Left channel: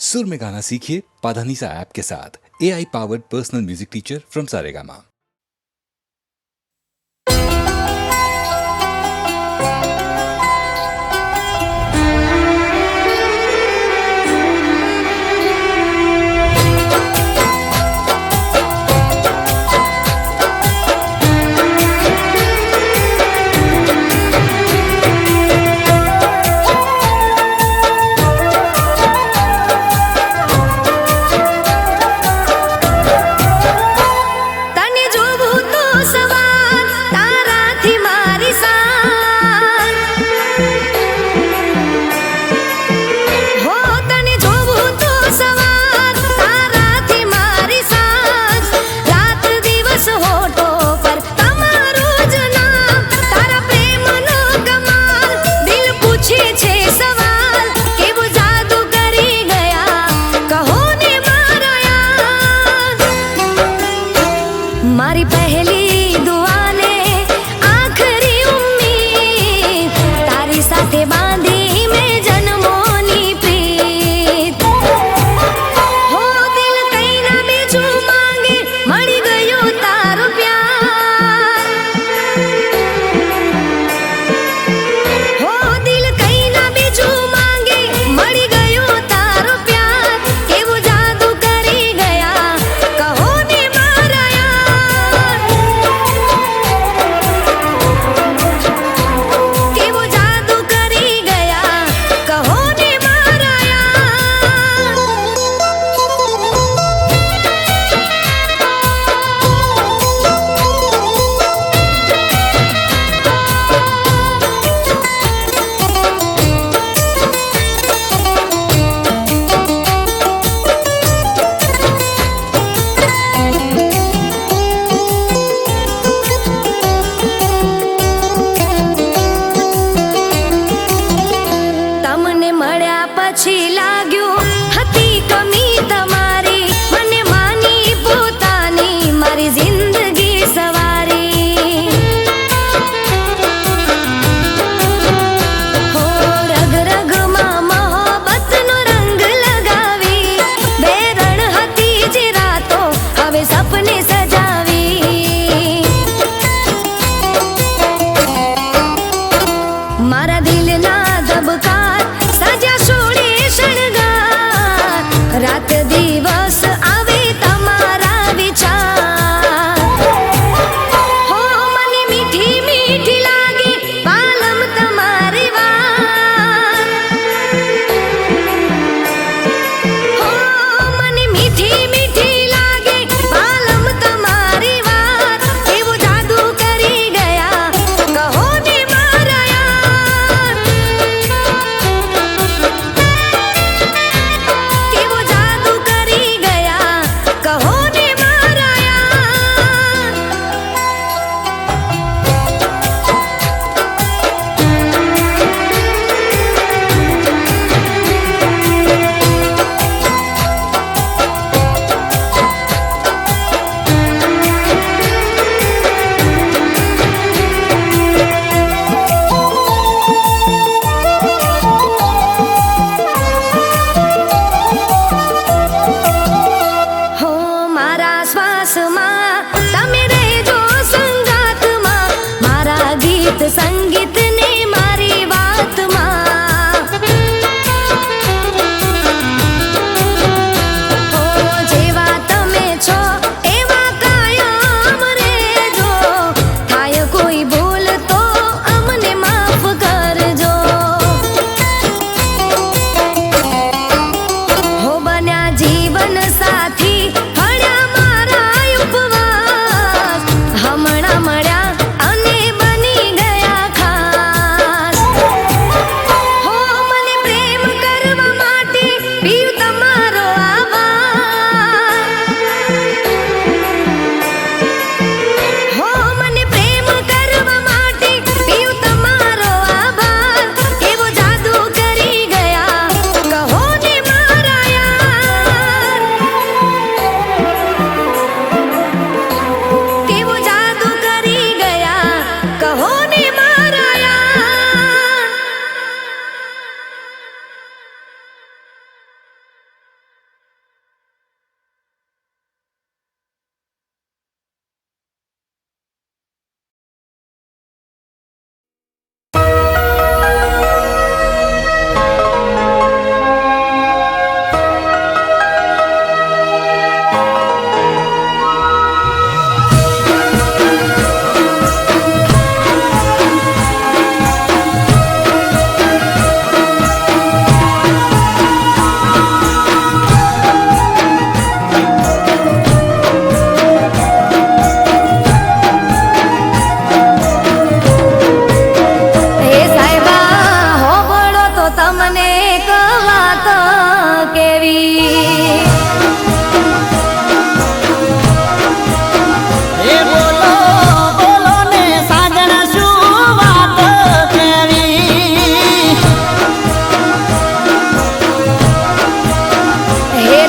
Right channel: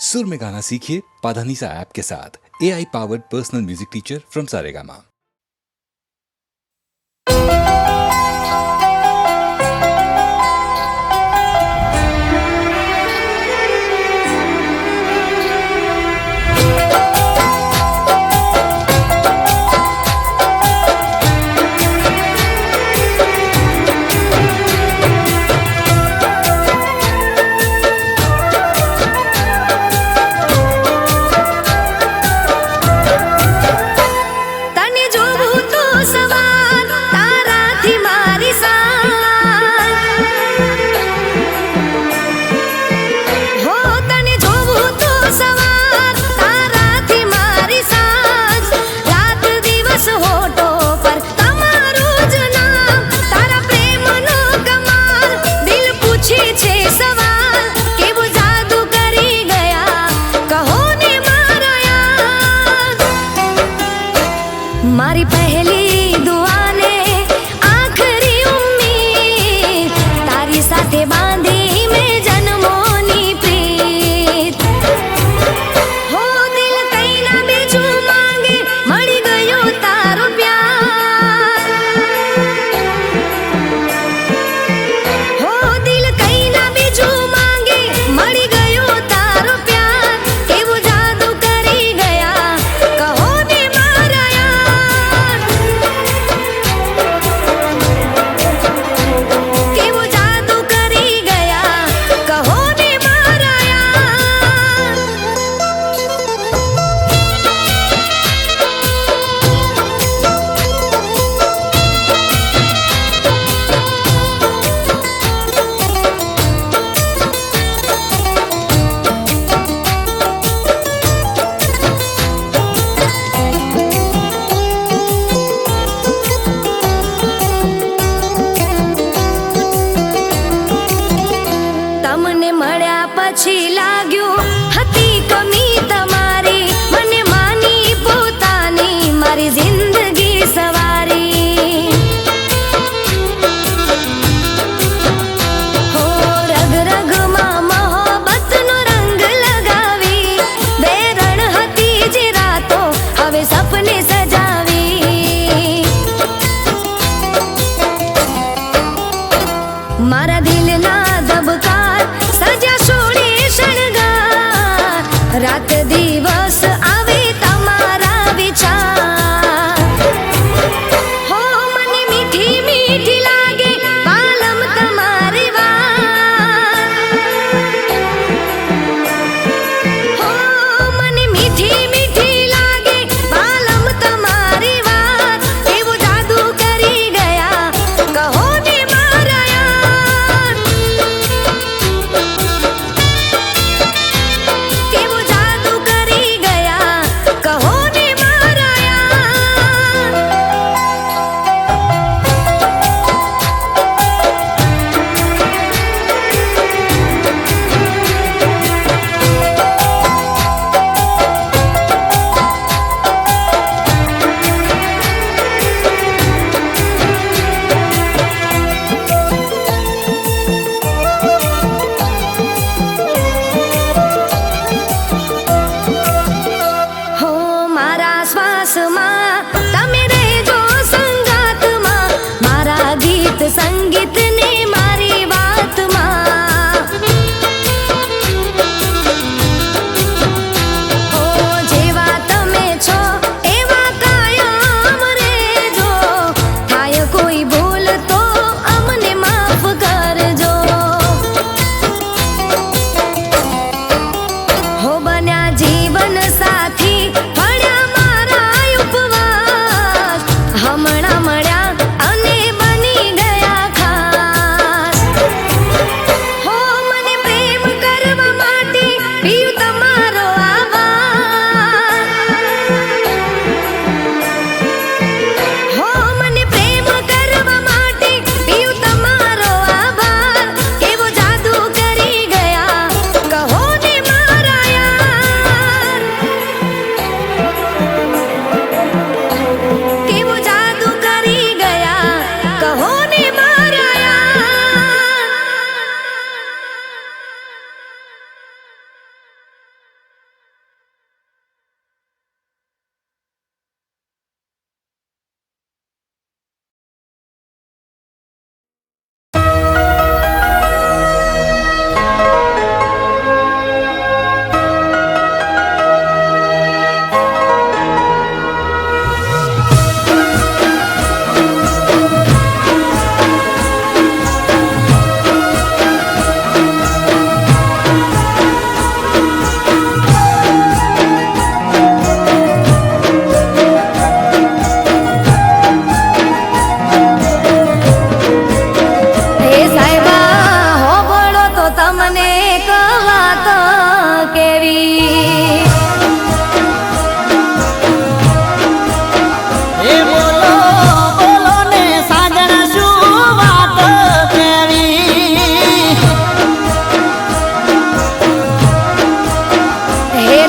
सुर में गाना सीखिए पाधानीसा ऐप के साथ। AI powered personal music teacher from Saregama. तने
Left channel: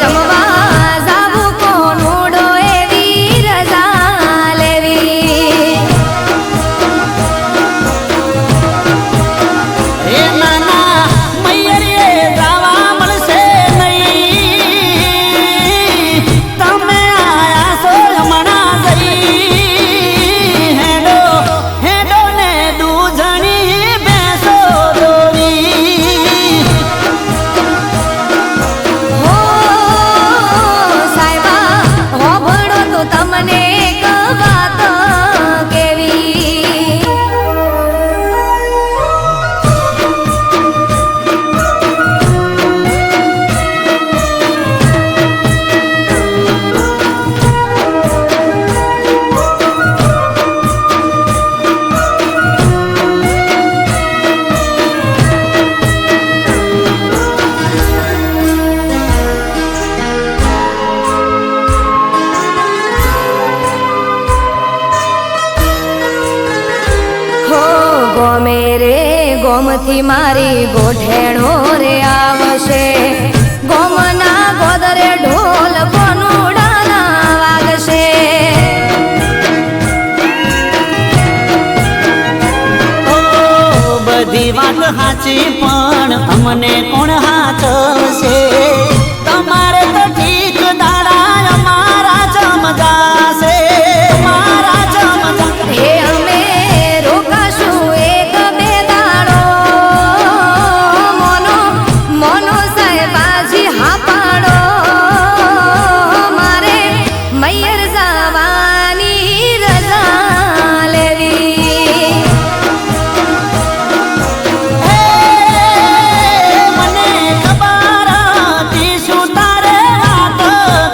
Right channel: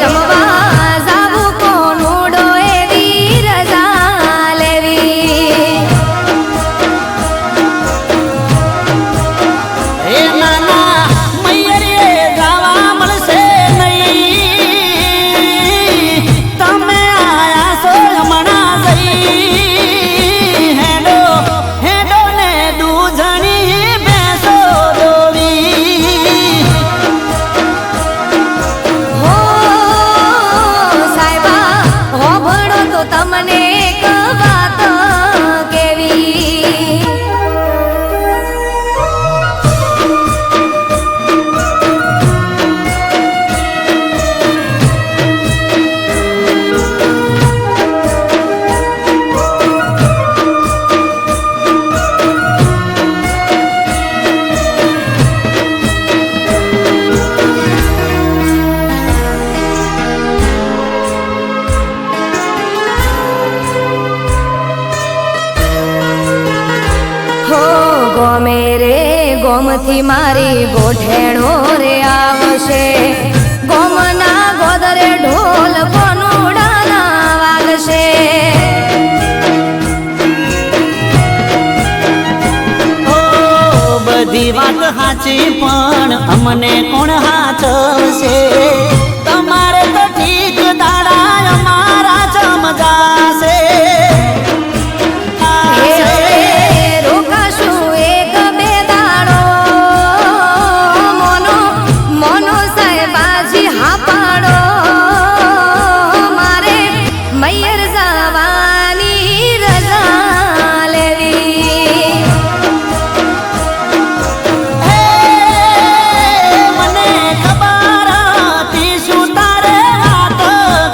રમવા જાવું કોનુડો એવી રજા લેવી. એ નાના મૈયરે ગાવા મળશે નહીં, તમે આયા છો હમણાં જઈ. હેડો હેડો ને દૂધણી બેસો દોવી. હો સાહેબા હોભળો તો તમને એક વાત કેવી. હો ગોમે રે ગોમથી મારી ગોઠેણો રે આવશે. ગોમના ગોદરે ઢોલ કોનુડાના વાગશે. ઓ બધી વાત સાચી પણ અમને કોણ હાચવશે? તમારે તો ઠીક દાડા અમારા ચમજાશે. હે અમે રોકાશું એક બે દાડો. મોનો મોનો સાહેબાજી હા પાડો. મારે મૈયર જવાની રજા લેવી. હે મને ખબર હતી શું તારે વાત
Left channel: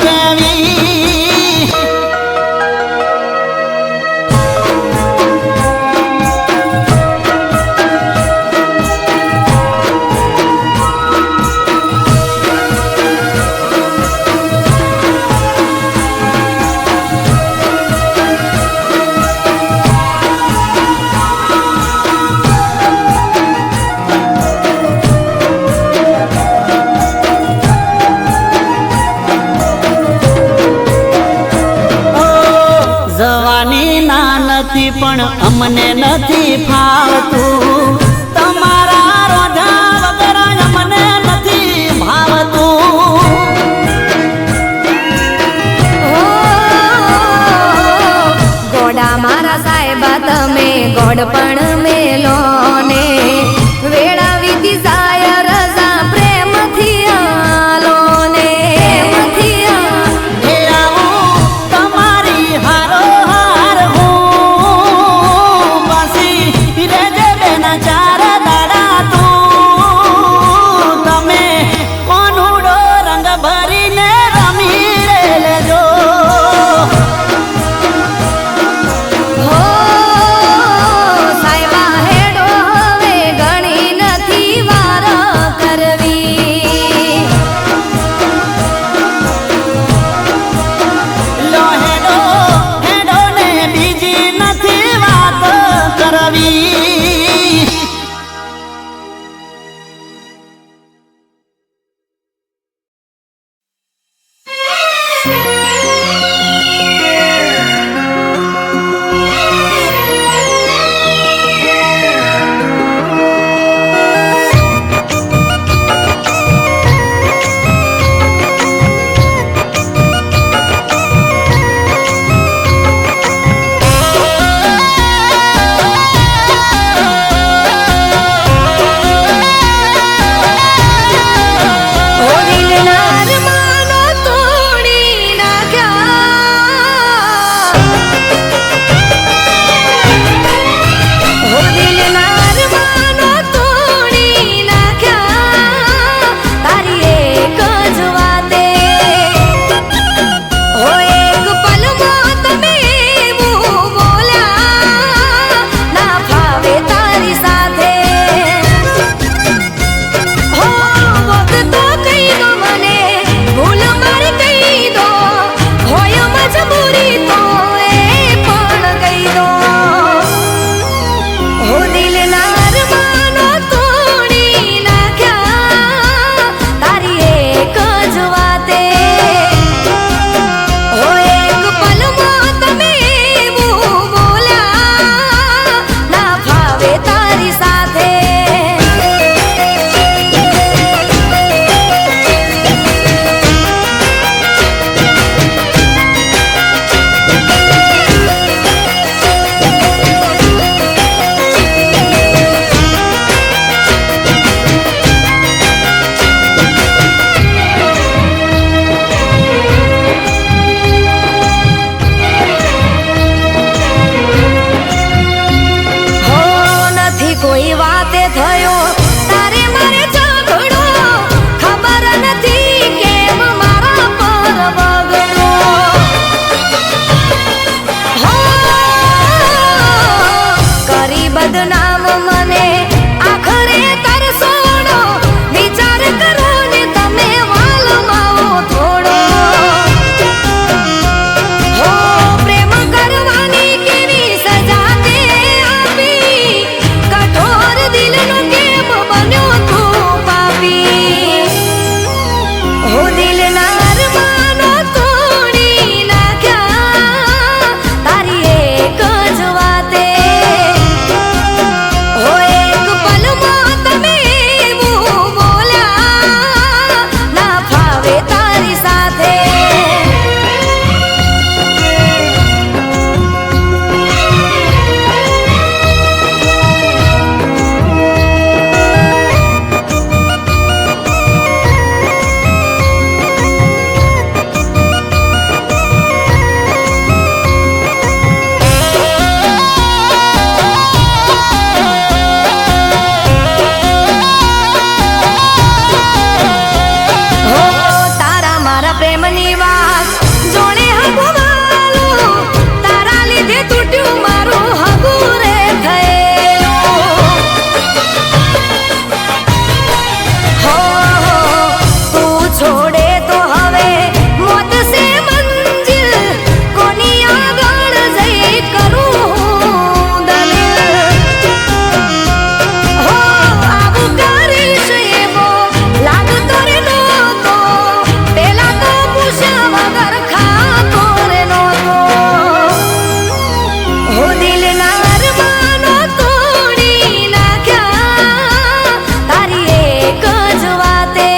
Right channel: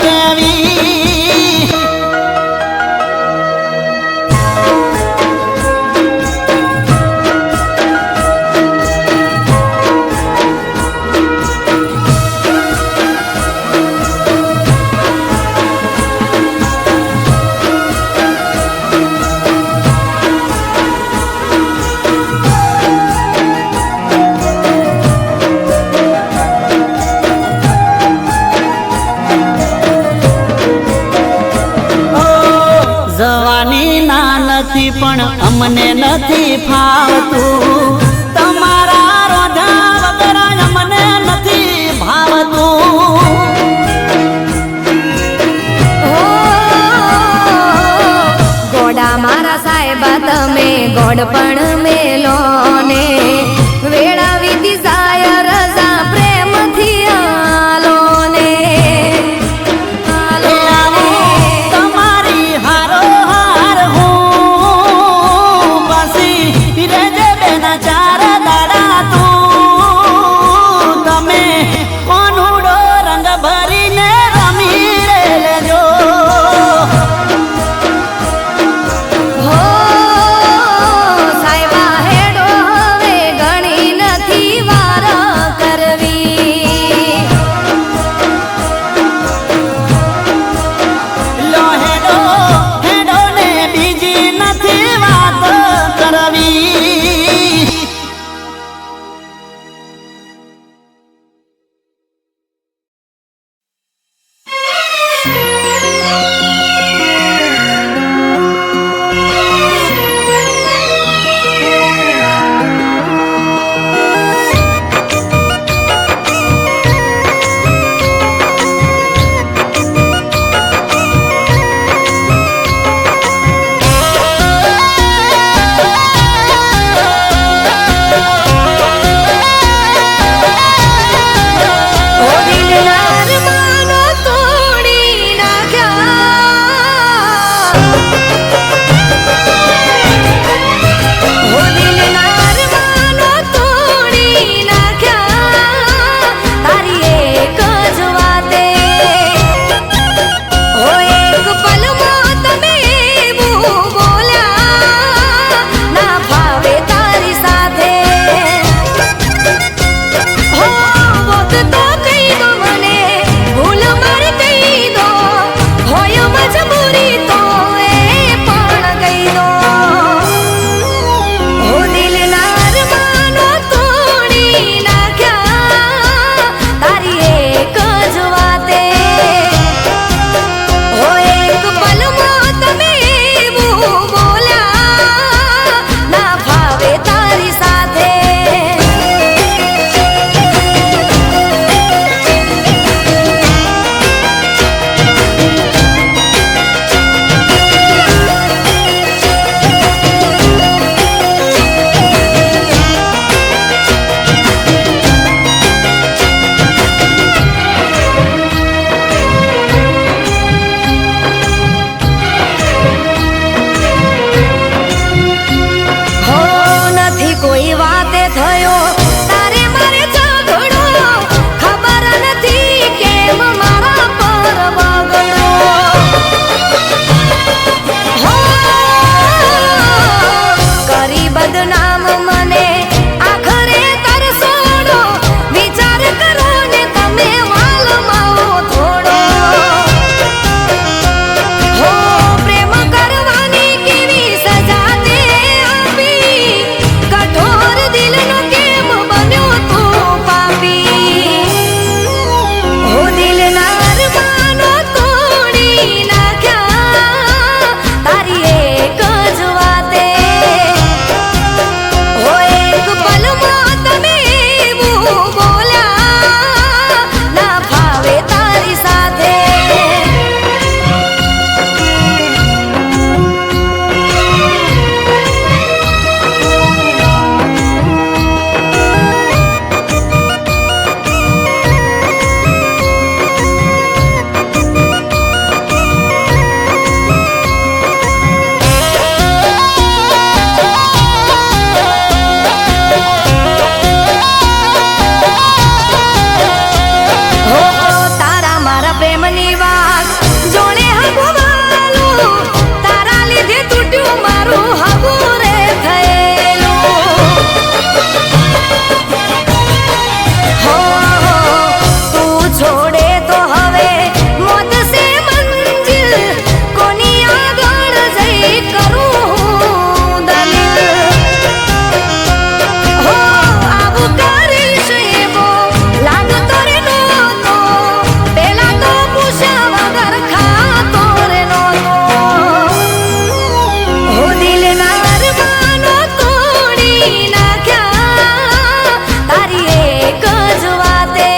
કેવી. ઓ જવાની ના નથી પણ અમને નથી ફાવતું. તમારા રોધા વગર અમને નથી ભાવતું. હો ગોડા મારા સાહેબા તમે ગોડ પણ મેલો ને. વેળા વીતી જાય રજા પ્રેમથી આલો ને. એ આવું તમારી હારો હાર હું પાછી રેજે બેના ચાર દાડા તું. તમે કોનુડો રંગ ભરીને રમી રે લેજો. હો સાહેબા હેડો હવે છોડે તો હવે મોત સે મંજિલ કોની આગળ જઈ કરું દલીલ હો આવું કરીશ એવો લાગતો રે નહોતો પેલા તો પૂછ્યા વગર ખાતો રે નહોતો હો દિલના અરમાનો તોડી નાખ્યા તારી એક જ વાતે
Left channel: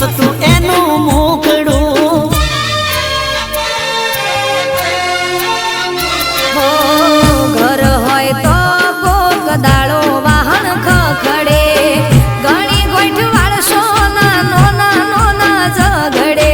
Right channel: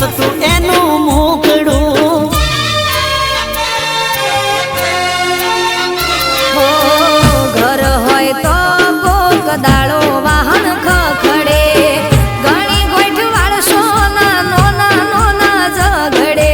હસતું એનું મુખડું. હો ઘર હોય તો કોક દાડો વાહન ખખડે, ઘણી ગોઠ વાળશો નાનો નાનો ના ઝઘડે.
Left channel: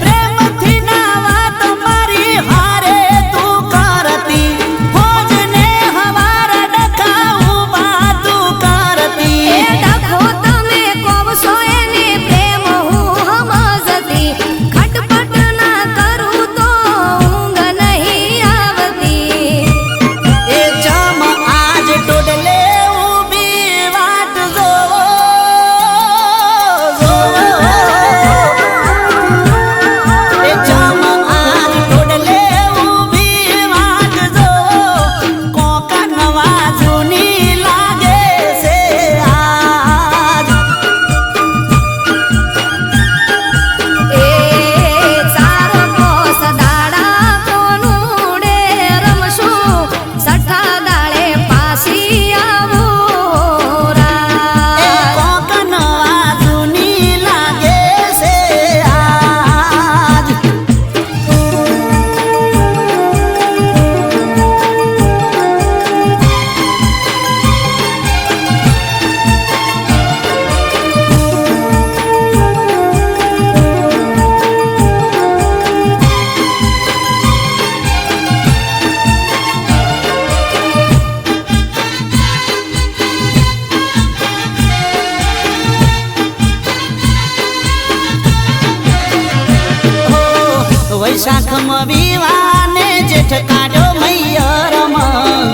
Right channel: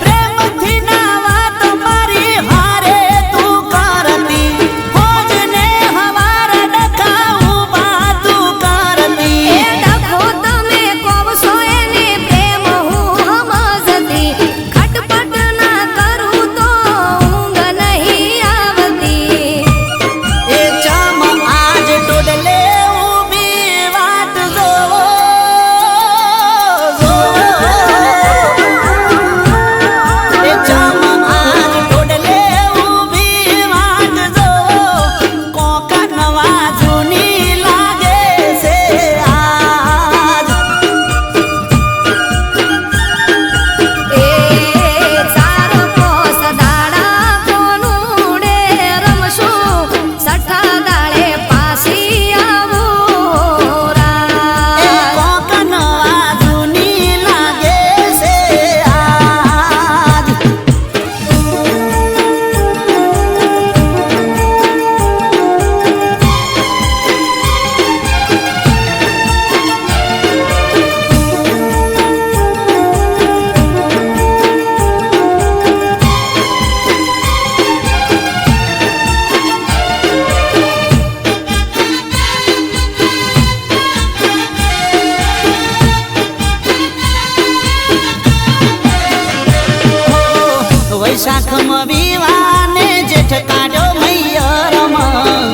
પ્રેમથી ના વાત મારી હારે તું કરતી, હોજને હવાર ડખાવું બાતું કરતી. એ ડખો તમે કોવશો એને પ્રેમ હું સમજતી, ખટપટ ના કરું તો ઊંઘ નહીં આવતી. એ જામ આજ ટોડલે ઊભી વાટ જોવો, એ જામ આજ ટોડલે ઊભી વાટ જોવો, કોકા નવા જૂની લાગે છે આજ. એ ચાર કોસ દાડા કોનુડે રમશું, સઠ્ઠા દાડે પાછી આવું એ રાત. કોકા નવા જૂની લાગે છે આજ. વૈશાખમાં વિવાને જેઠ કાઢ્યો મૈયરમાં,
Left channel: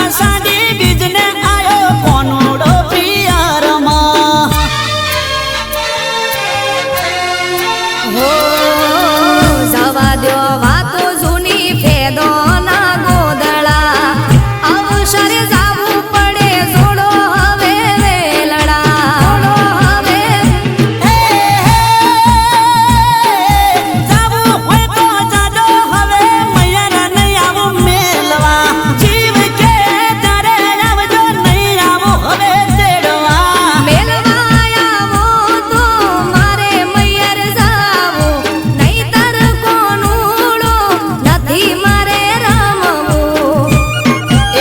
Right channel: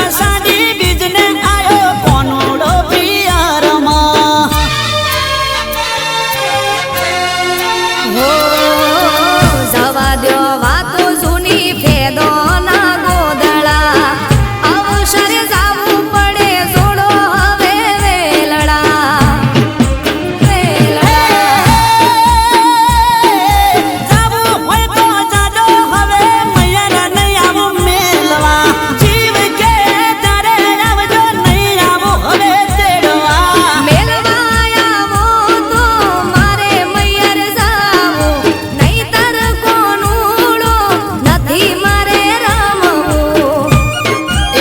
અષાઢી બીજને આયો કોનુડો પિયરમાં. હો જવા દ્યો વાતો જૂની, ફેદો ના ગોદળા, અવસરે જાવું પડે જોડો હવે વેલડા. જાવું હોય તો જાજો હવે મૈયર નહીં આવું મેલવા, જીવ કે ત્યારે આવજો નહીં આવું હવે તેડવા. મેલવા આવો તો મારે મૈયર જાવું, નહીંતર કોનુડો નથી મારે રમવું.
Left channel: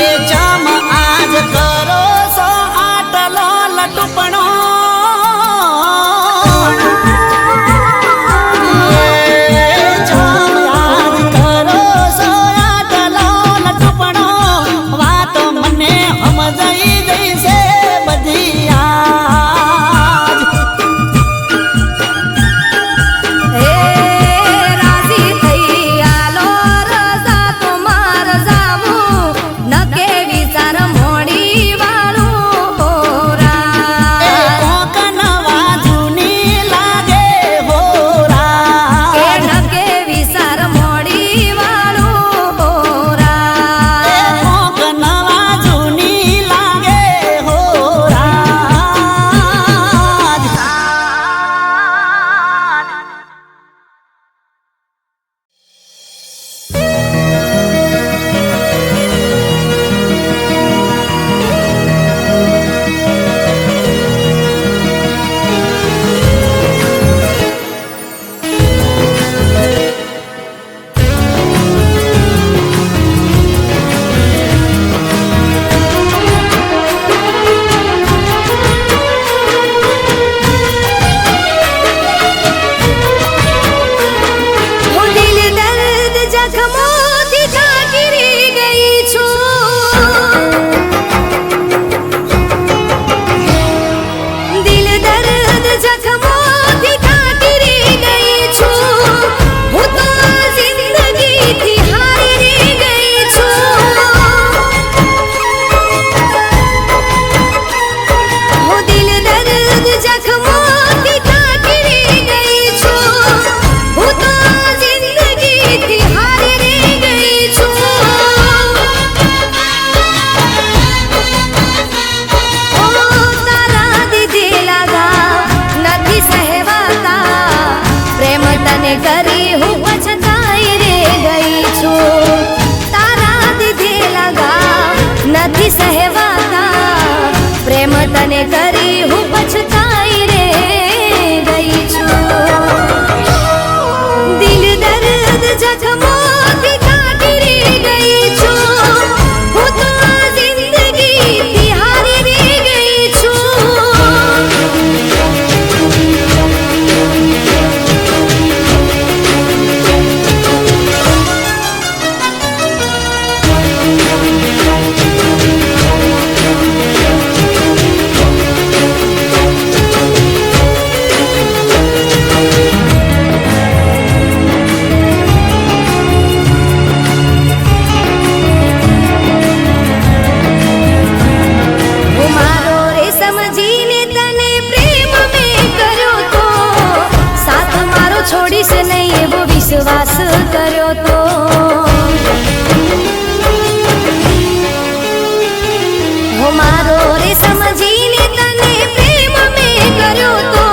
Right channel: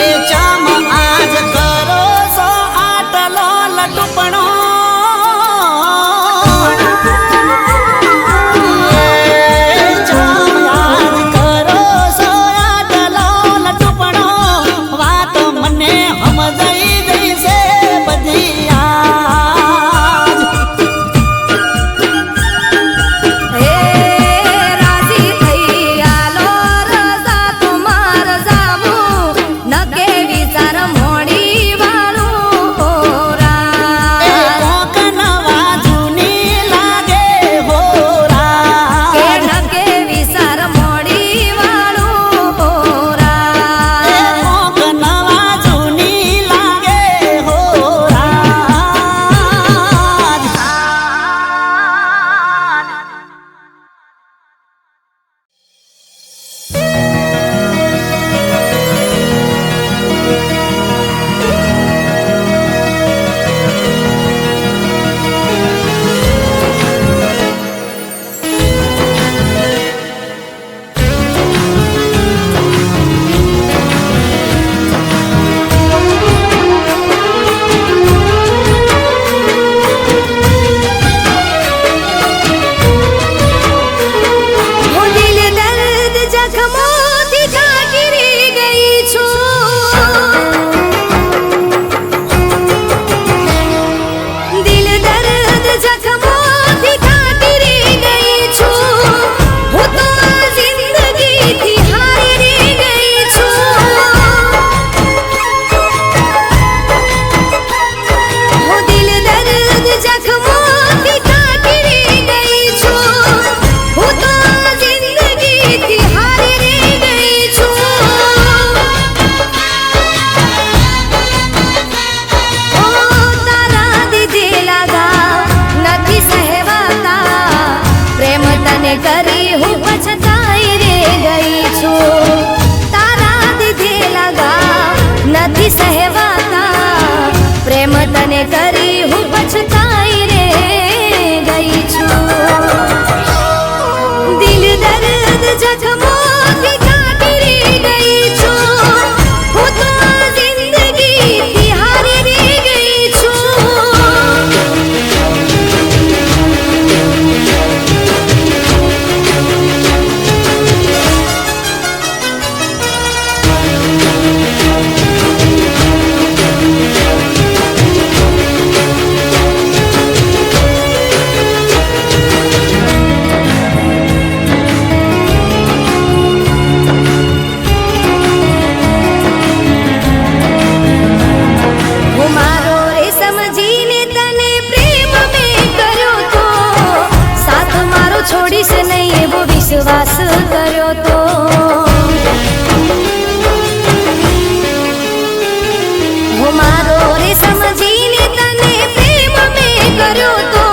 એ જામ આજ કરો સો આટલો લટુપણો, એ જામ આજ કરો સો આટલો લટુપણો, વાતો મને સમજાઈ જઈશે બધી આજ. હે રાજી થઈ આલો રજા તો માર જાવું, નકે વિચાર મોડી વાળું એ રાત. કોક નવા જૂની લાગે હો કે રાત. નકે વિચાર મોડી વાળું એ રાત. કોક નવા જૂની લાગે હો રાત. હું દિલ દર્દ જખમોથી ઢાંકી ગઈ છું, દિલ દર્દ જખમોથી ઢાંકી ગઈ છું, હું તો આ જિંદગીથી હારી ગઈ છું. હું દિલ દર્દ જખમોથી ઢાંકી ગઈ છું, હું તો આ જિંદગીથી હારી ગઈ છું. ઓ તારા દીધેલા ઘા નથી સહેવાતા, પ્રેમ તને કરી હું પછતાઈ રે ગઈ છું. તારા દીધેલા ઘા નથી સહેવાતા, કરી હું પછતાઈ રે ગઈ છું દિલ દર્દ જખમોથી કાઢી ગઈ છું હું તો આ જિંદગીથી હારી રે ગઈ છું છોડીશ નહીં એવો વિશ્વાસ કર્યો તો હો મારો રે સમજીને તને પ્રેમ મેં કર્યો તો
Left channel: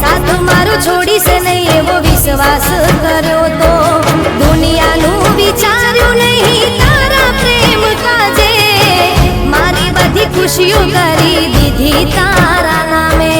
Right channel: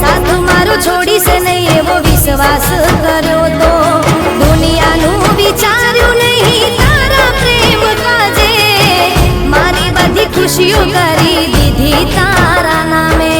સાથ મારો છોડીશ નહીં એવો વિશ્વાસ કર્યો તો દુનિયાનું વિચાર્યું નહીં તારા પ્રેમ કાજે મારી બધી ખુશીઓ કરી દીધી તારા નામે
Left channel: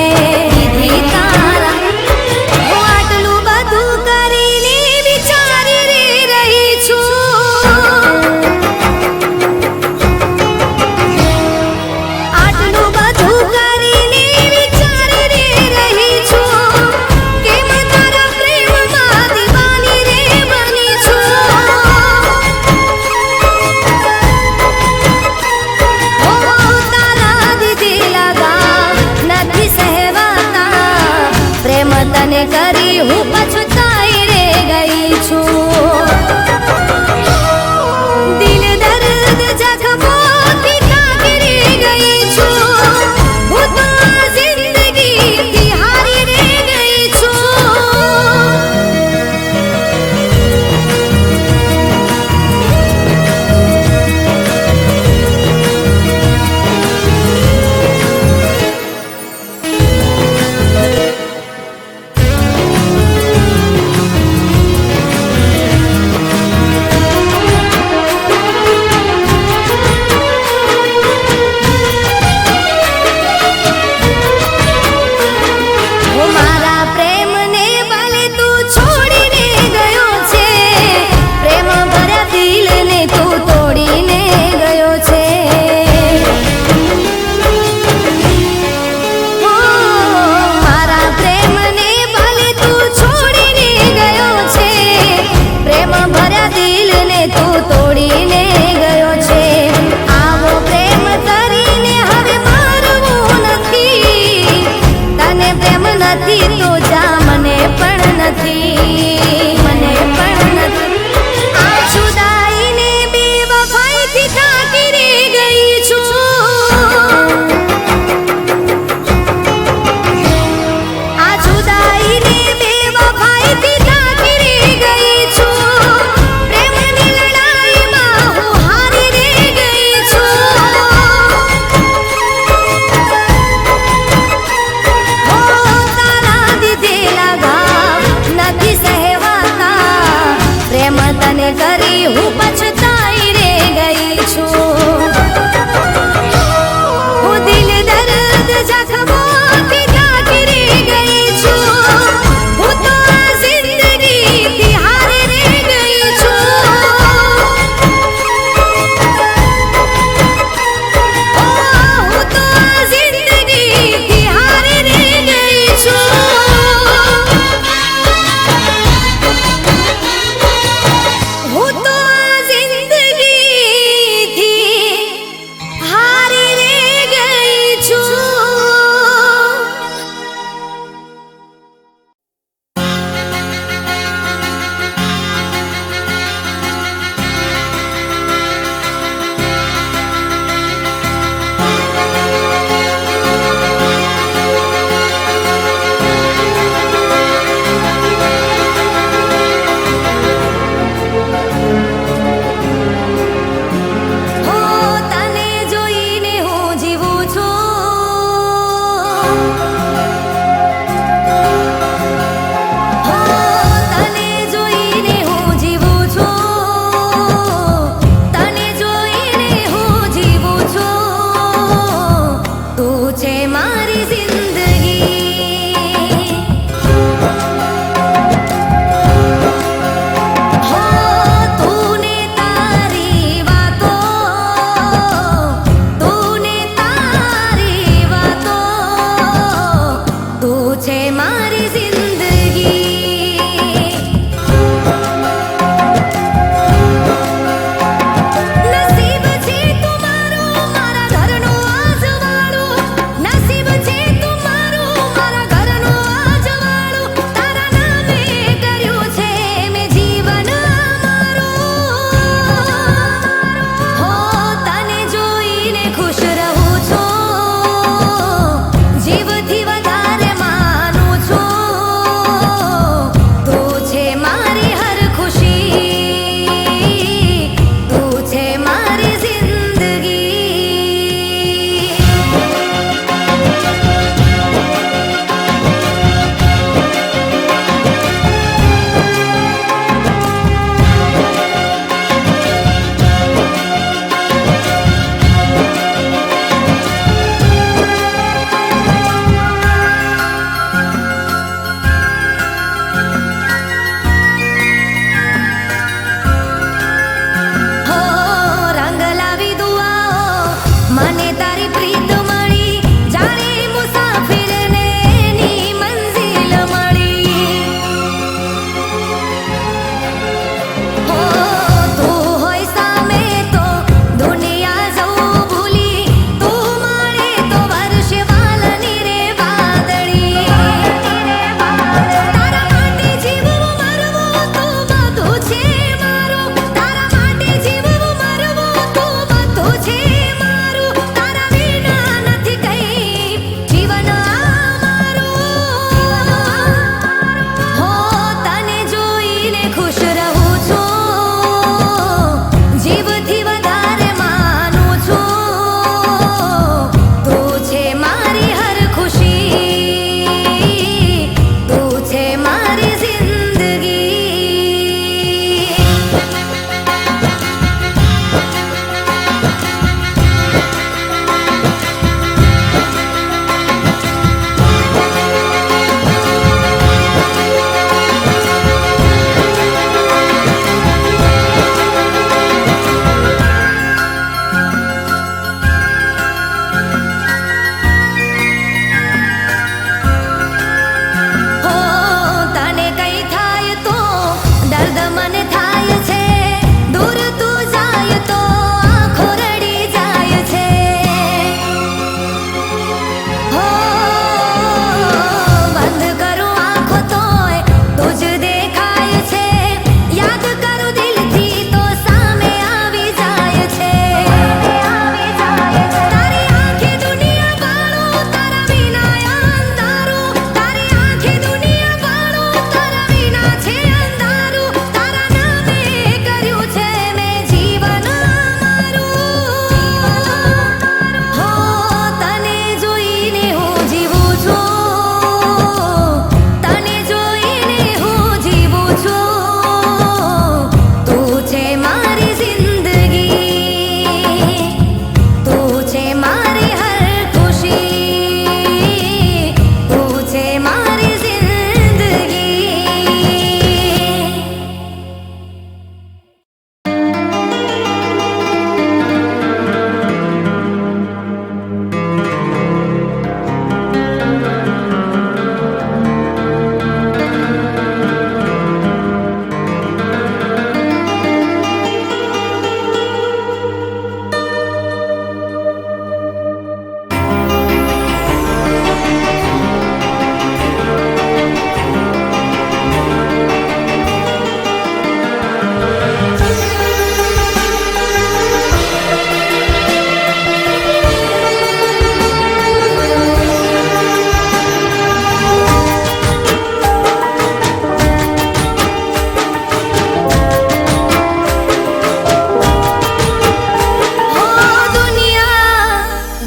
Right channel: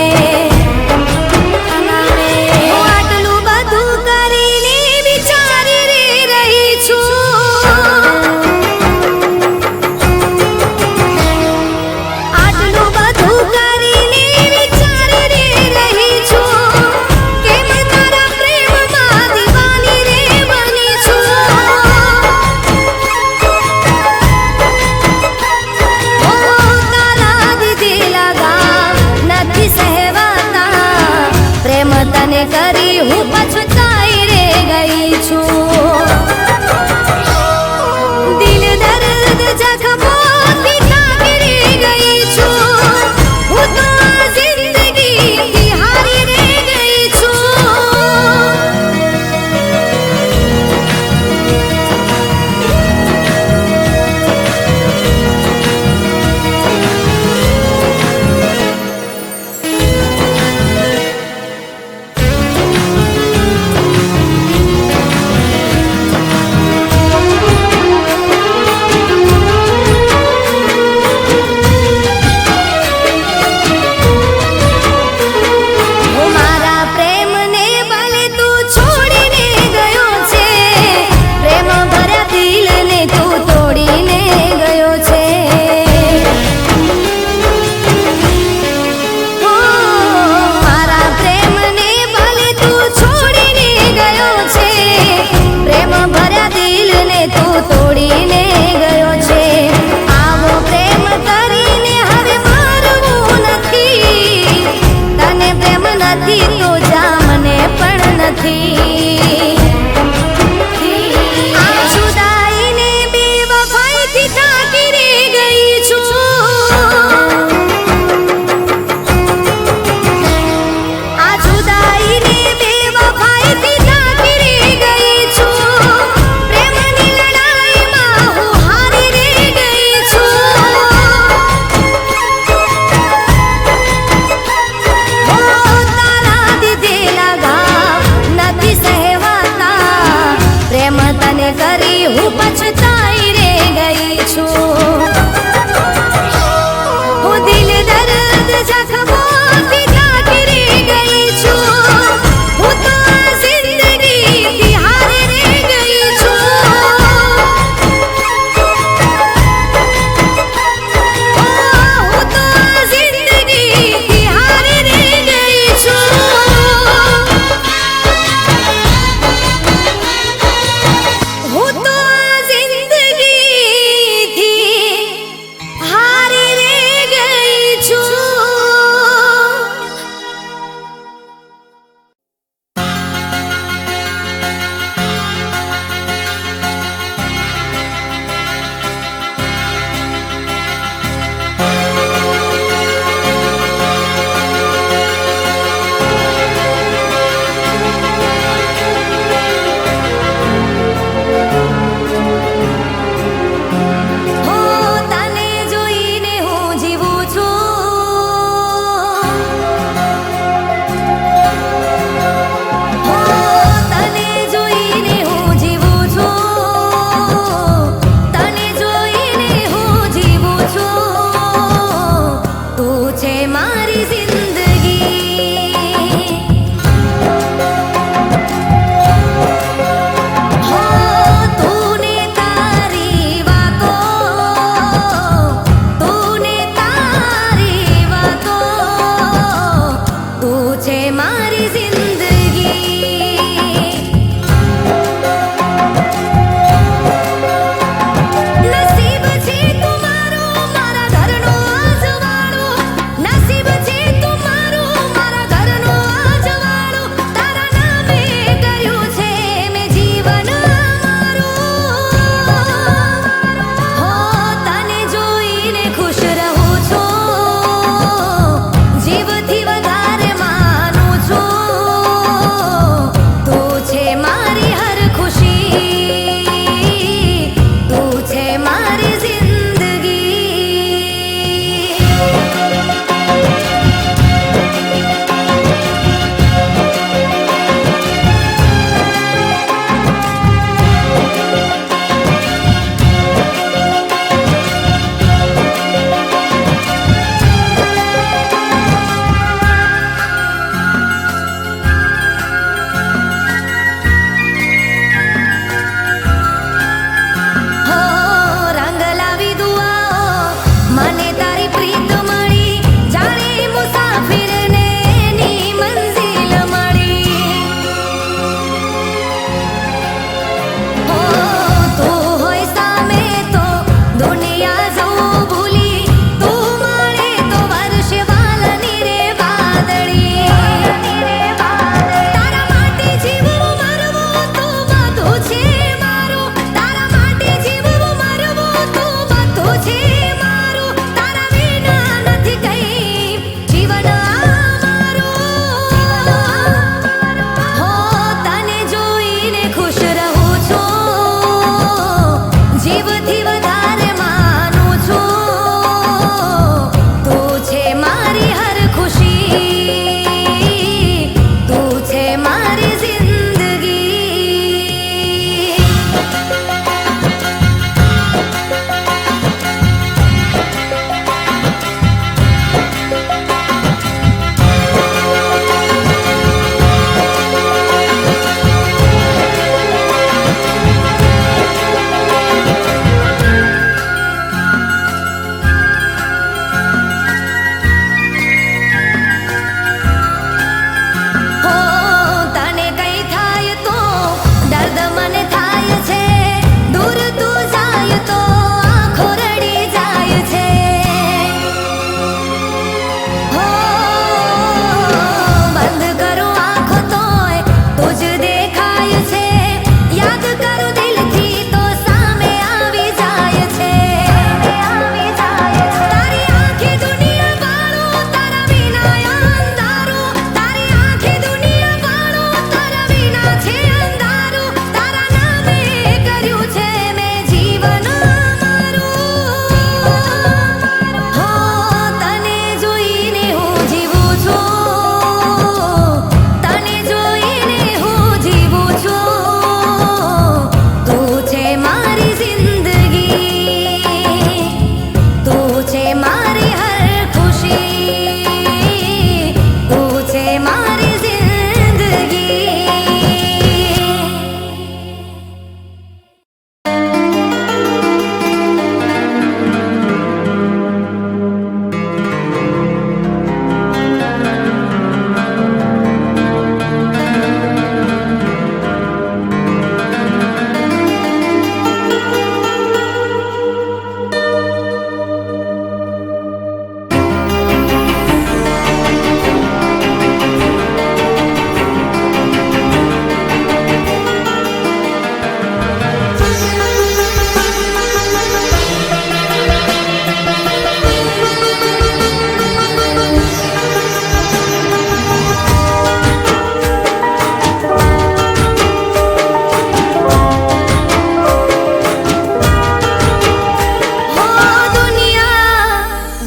તને કરી હું પછતાઈ રે ગઈ છું દિલ દર્દ જખમોથી કાઢી ગઈ છું હું તો આ જિંદગીથી હારી રે ગઈ છું તો જા મને પણ નથી આ જુદાઈને બેવફાઈથી ઠાકરી ગઈ છું આ જુદાઈને બેવફાઈથી ઠાકરી ગઈ છું પ્રેમની લડાઈમાં હું હારી રે ગઈ છું પ્રેમ તને કરી હું પછતાઈ રે ગઈ છું હું દિલ દર્દ જખમોથી કાઢી ગઈ છું હું તો આ જિંદગીથી હારી રે ગઈ છું હું તો આ જિંદગીથી હારી રે ગઈ છું હું તો આ જિંદગી જ દેખાય છે યાદ કરું દિલથી તો સામે આવી જાય છે તારી આંખી દુનિયા વાળું તારા વિના અંધારું તારી આંખી દુનિયા વાળું તારા વિના છે અંધારું તારા નામે કર્યું છે મેં જીવન મારું હો તને જોઈને હું જીવું છું તને જોઈને હું જીવું છું તું છે મારી જિંદગી તું છે મારી હર ખુશી તું છે મારી જિંદગી હો દુનિયા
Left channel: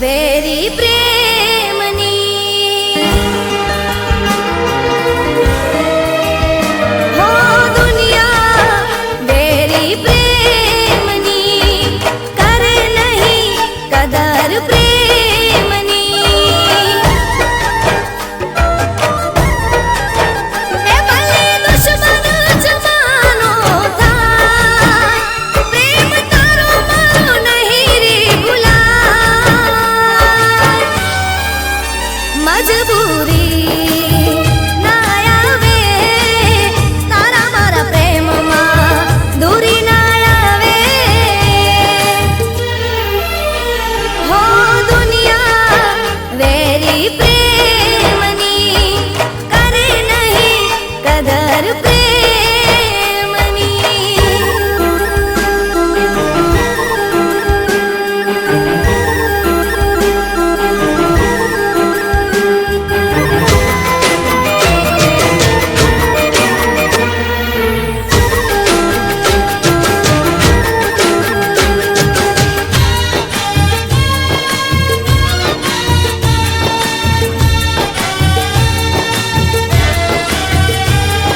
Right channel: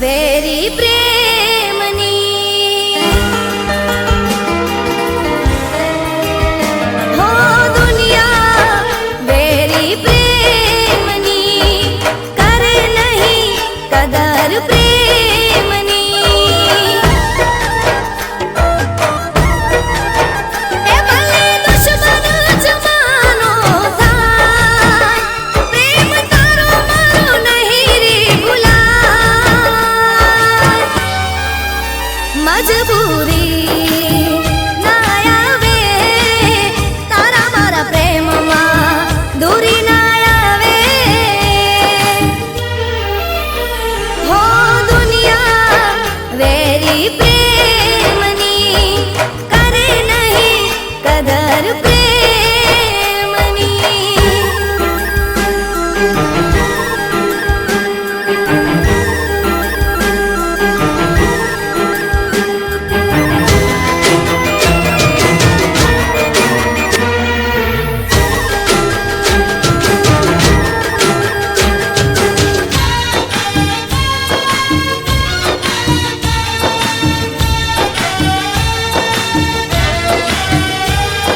વેરી પ્રેમની હો દુનિયા વેરી પ્રેમની કરે નહીં કદર પ્રેમની એ ભલે દુશ્મન જમાનો થાય પ્રેમ તારો મારો નહીં રે ભૂલાય મજબૂરી ના આવે તારા મારા પ્રેમમાં દૂરી ના આવે હો દુનિયા વેરી પ્રેમની કરે નહીં કદર પ્રેમની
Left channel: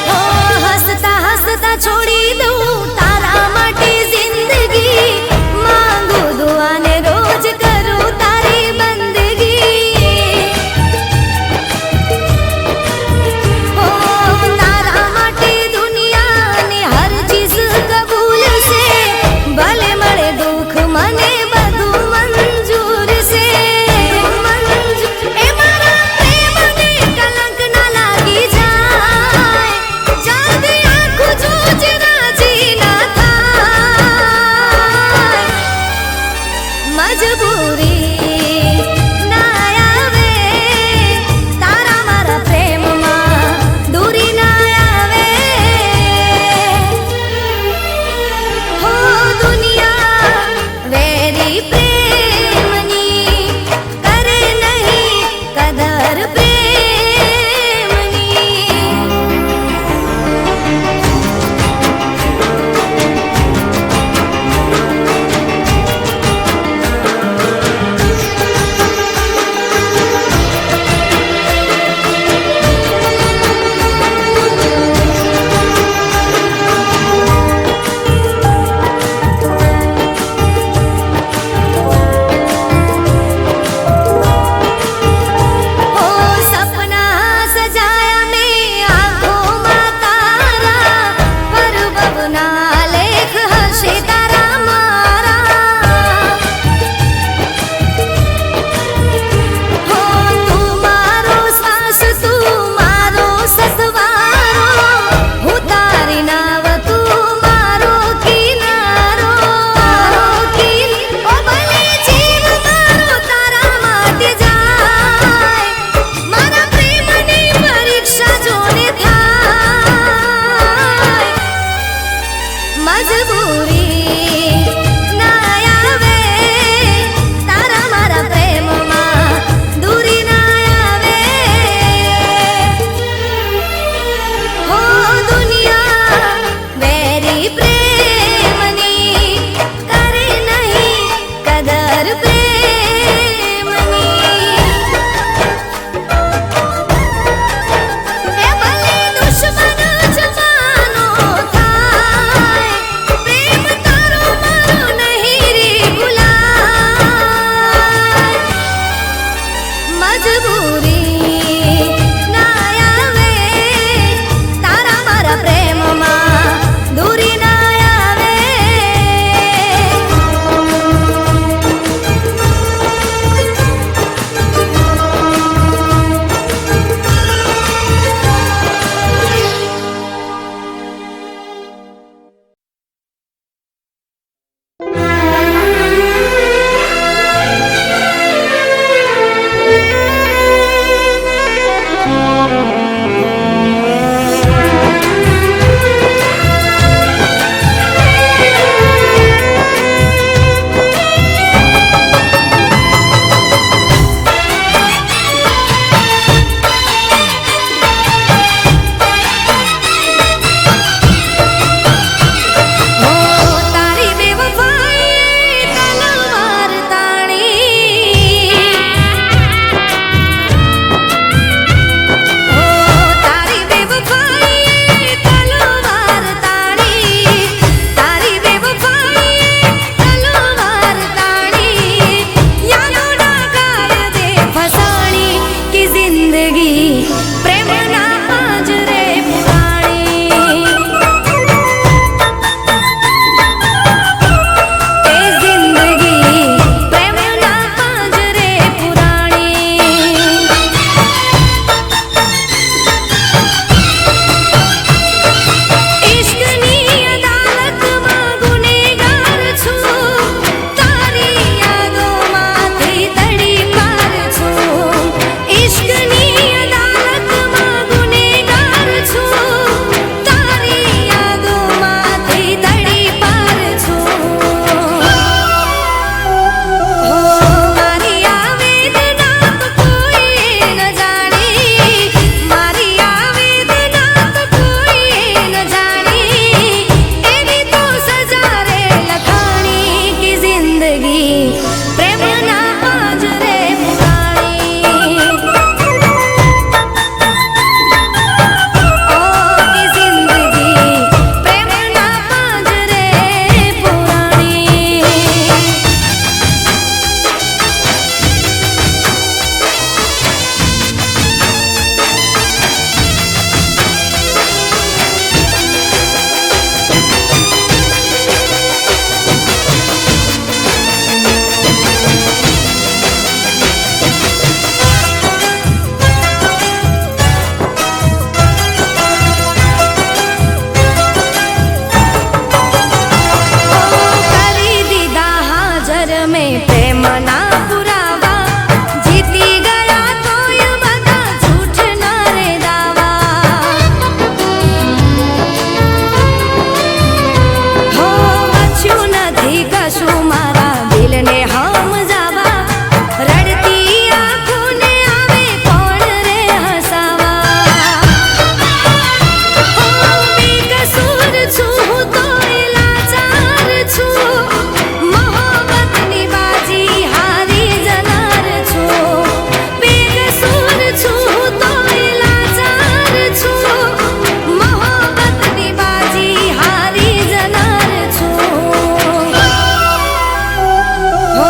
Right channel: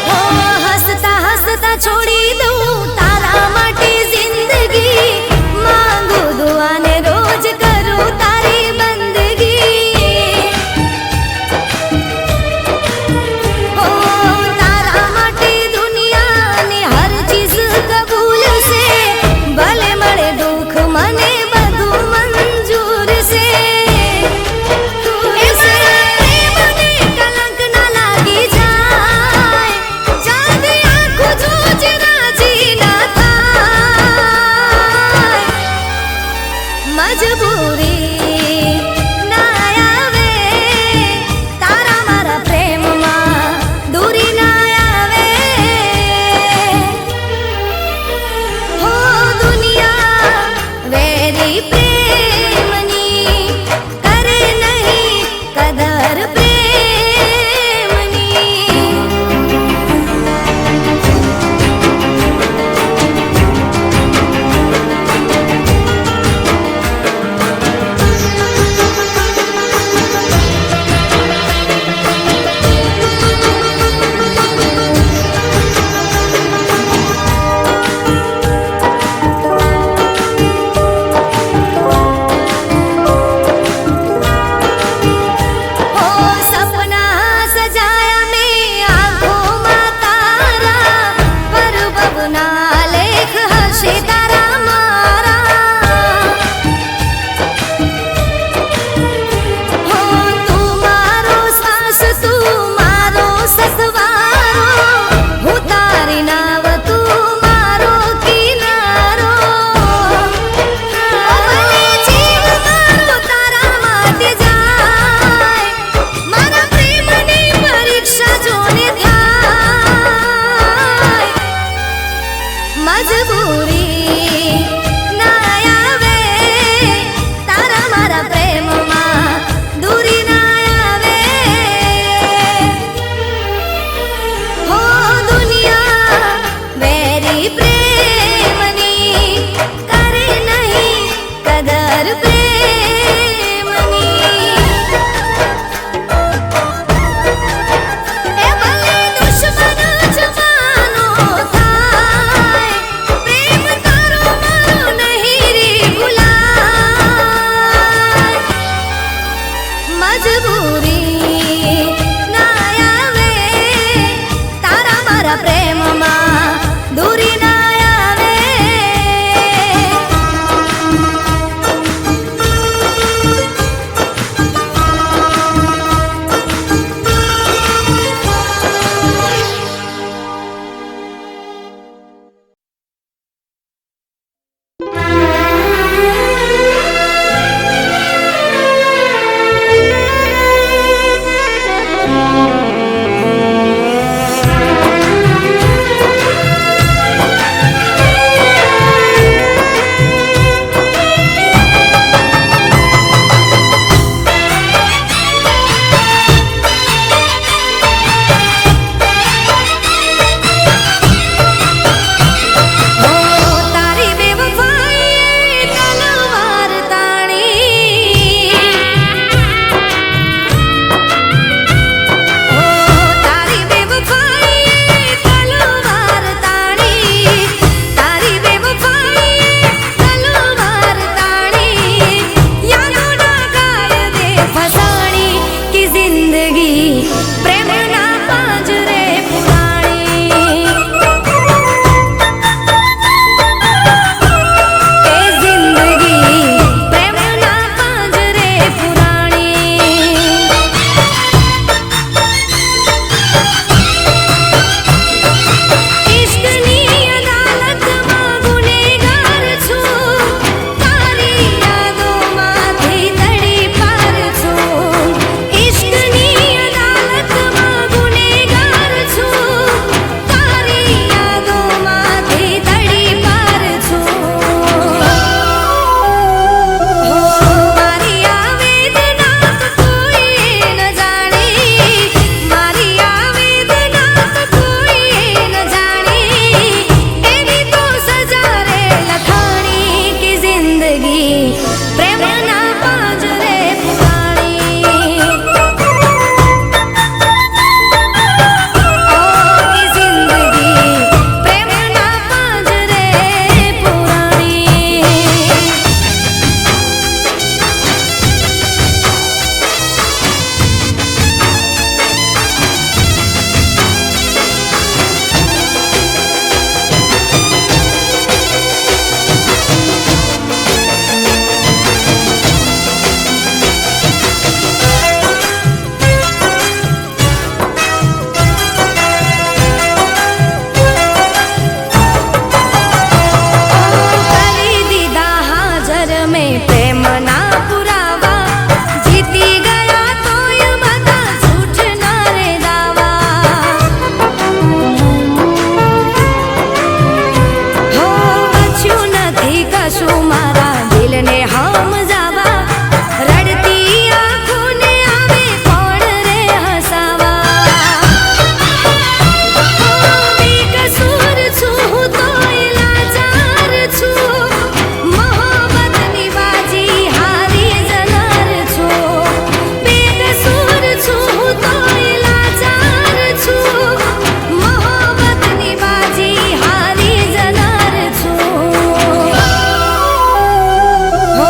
હો મજબૂરી ના આવે તારા મારા પ્રેમમાં દૂરી ના આવે હો દુનિયા વેરી પ્રેમની કરે નહીં કદર પ્રેમની એ ભલે દુશ્મન જમાનો થાય પ્રેમ તારો મારો નહીં રે ભૂલાય મજબૂરી ના આવે તારા મારા પ્રેમમાં દૂરી ના આવે હો તારી બેવફાઈ તલવાર તાણી હો તારી બેવફાઈ તલવાર તાણી તારી બેવફાઈ તલવાર તાણી યાદો ના ગાય દે ફસાણી કે જિંદગી પ્રેમના પાંજરે પુરાણી એ જિંદગી પ્રેમના પાંજરે પુરાણી ઇશ્કની અદાલતમાં ગુનેગાર છું તારી યાદોમાંથી દડી પાર છું ઇશ્કની અદાલતમાં ગુનેગાર છું તારી યાદોમાંથી દડી પાર છું હો મારી આ વેદના તો કોઈ ન જાણી મારી આ વેદના તો કોઈ ન જાણી એવી તો સજા રે લખાણી કે જિંદગી પ્રેમના પાંજરે પુરાણી ઓ કે જિંદગી પ્રેમના પાંજરે પુરાણી ઓ કરી દીધા હાજર મેં પ્રેમના પુરાવા જીતી ગયા તોય બધા જૂઠના રે દાવા હો બચ્યું નથી કશું મારા દિલને સમજાવા રડતી આંખોને આવે કોણ રે હસાવા બેકસૂર છું તોય લાચાર છું મોહબ્બતની બાજી હારી જનાર છું બેકસૂર છું તોય લાચાર છું મોહબ્બતની બાજી હારી જનાર છું હો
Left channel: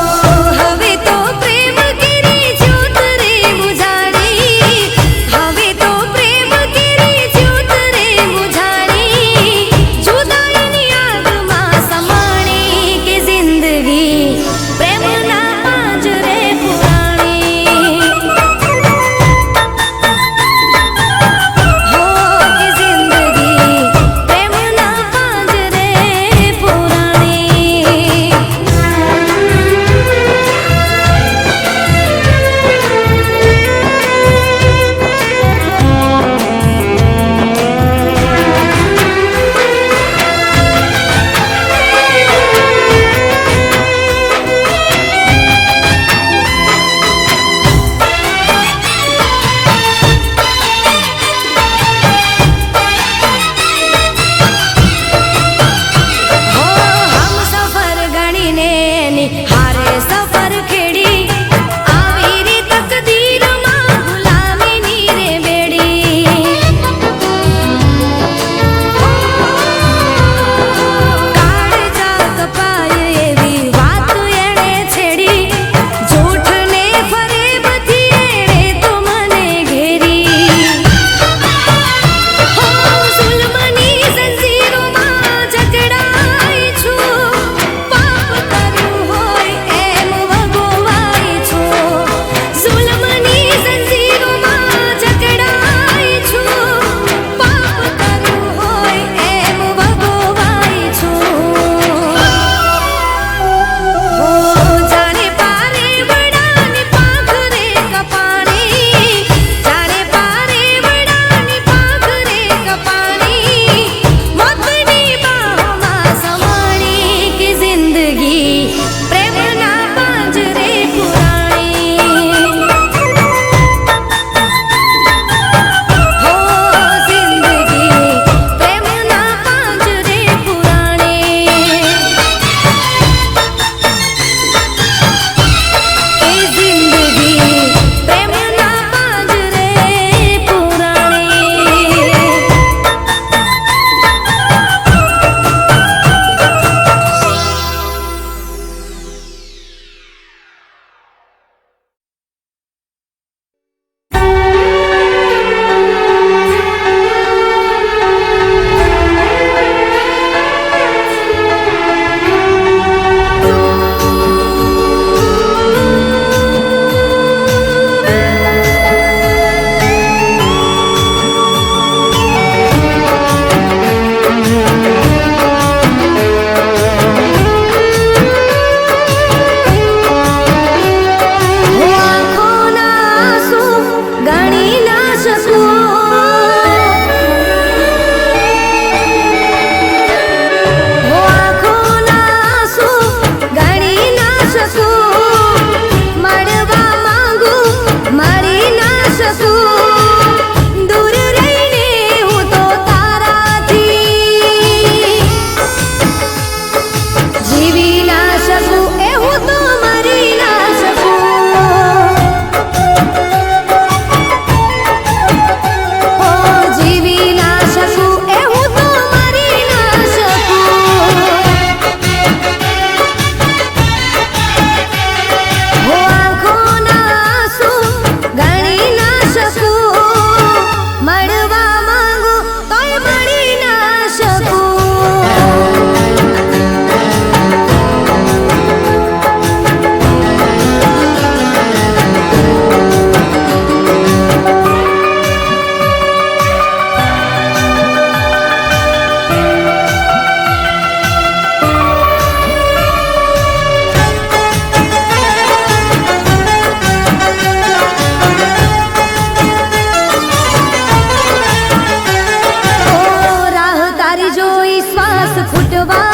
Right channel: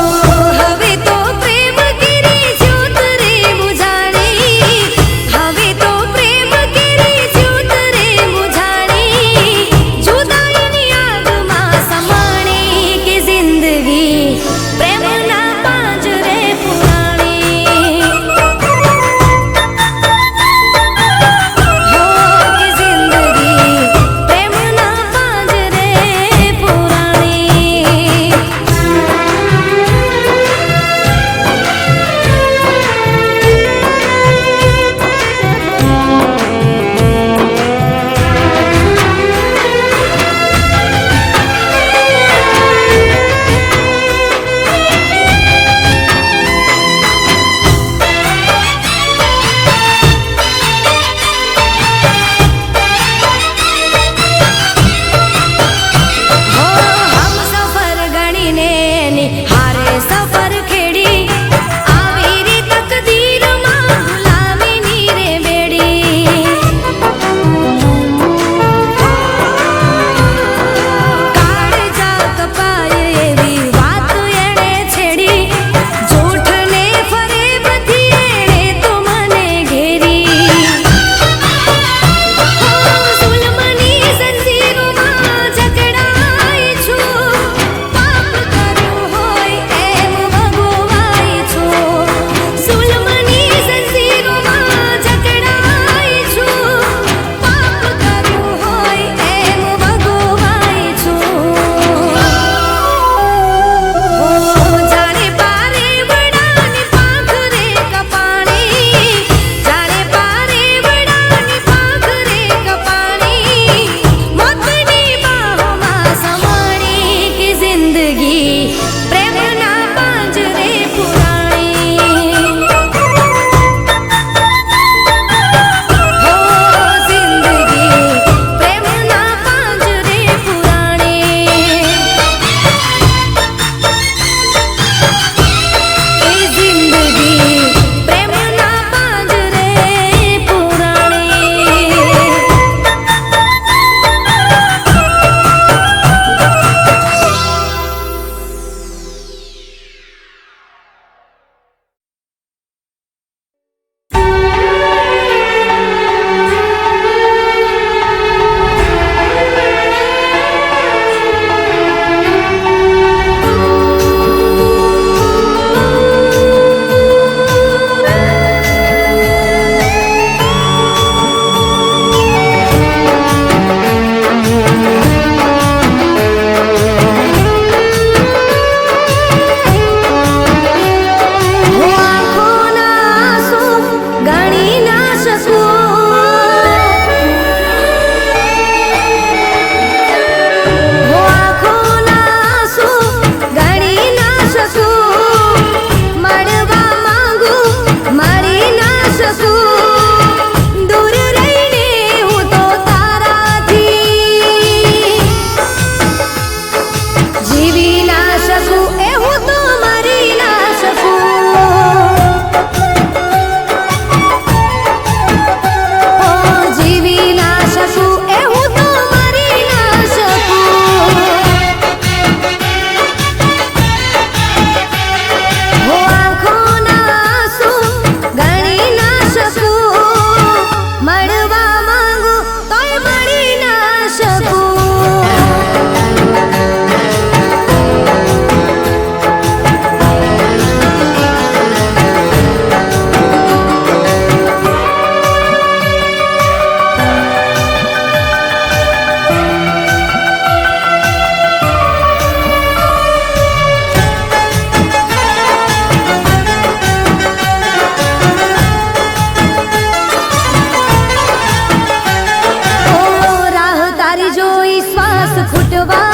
ફૂટવા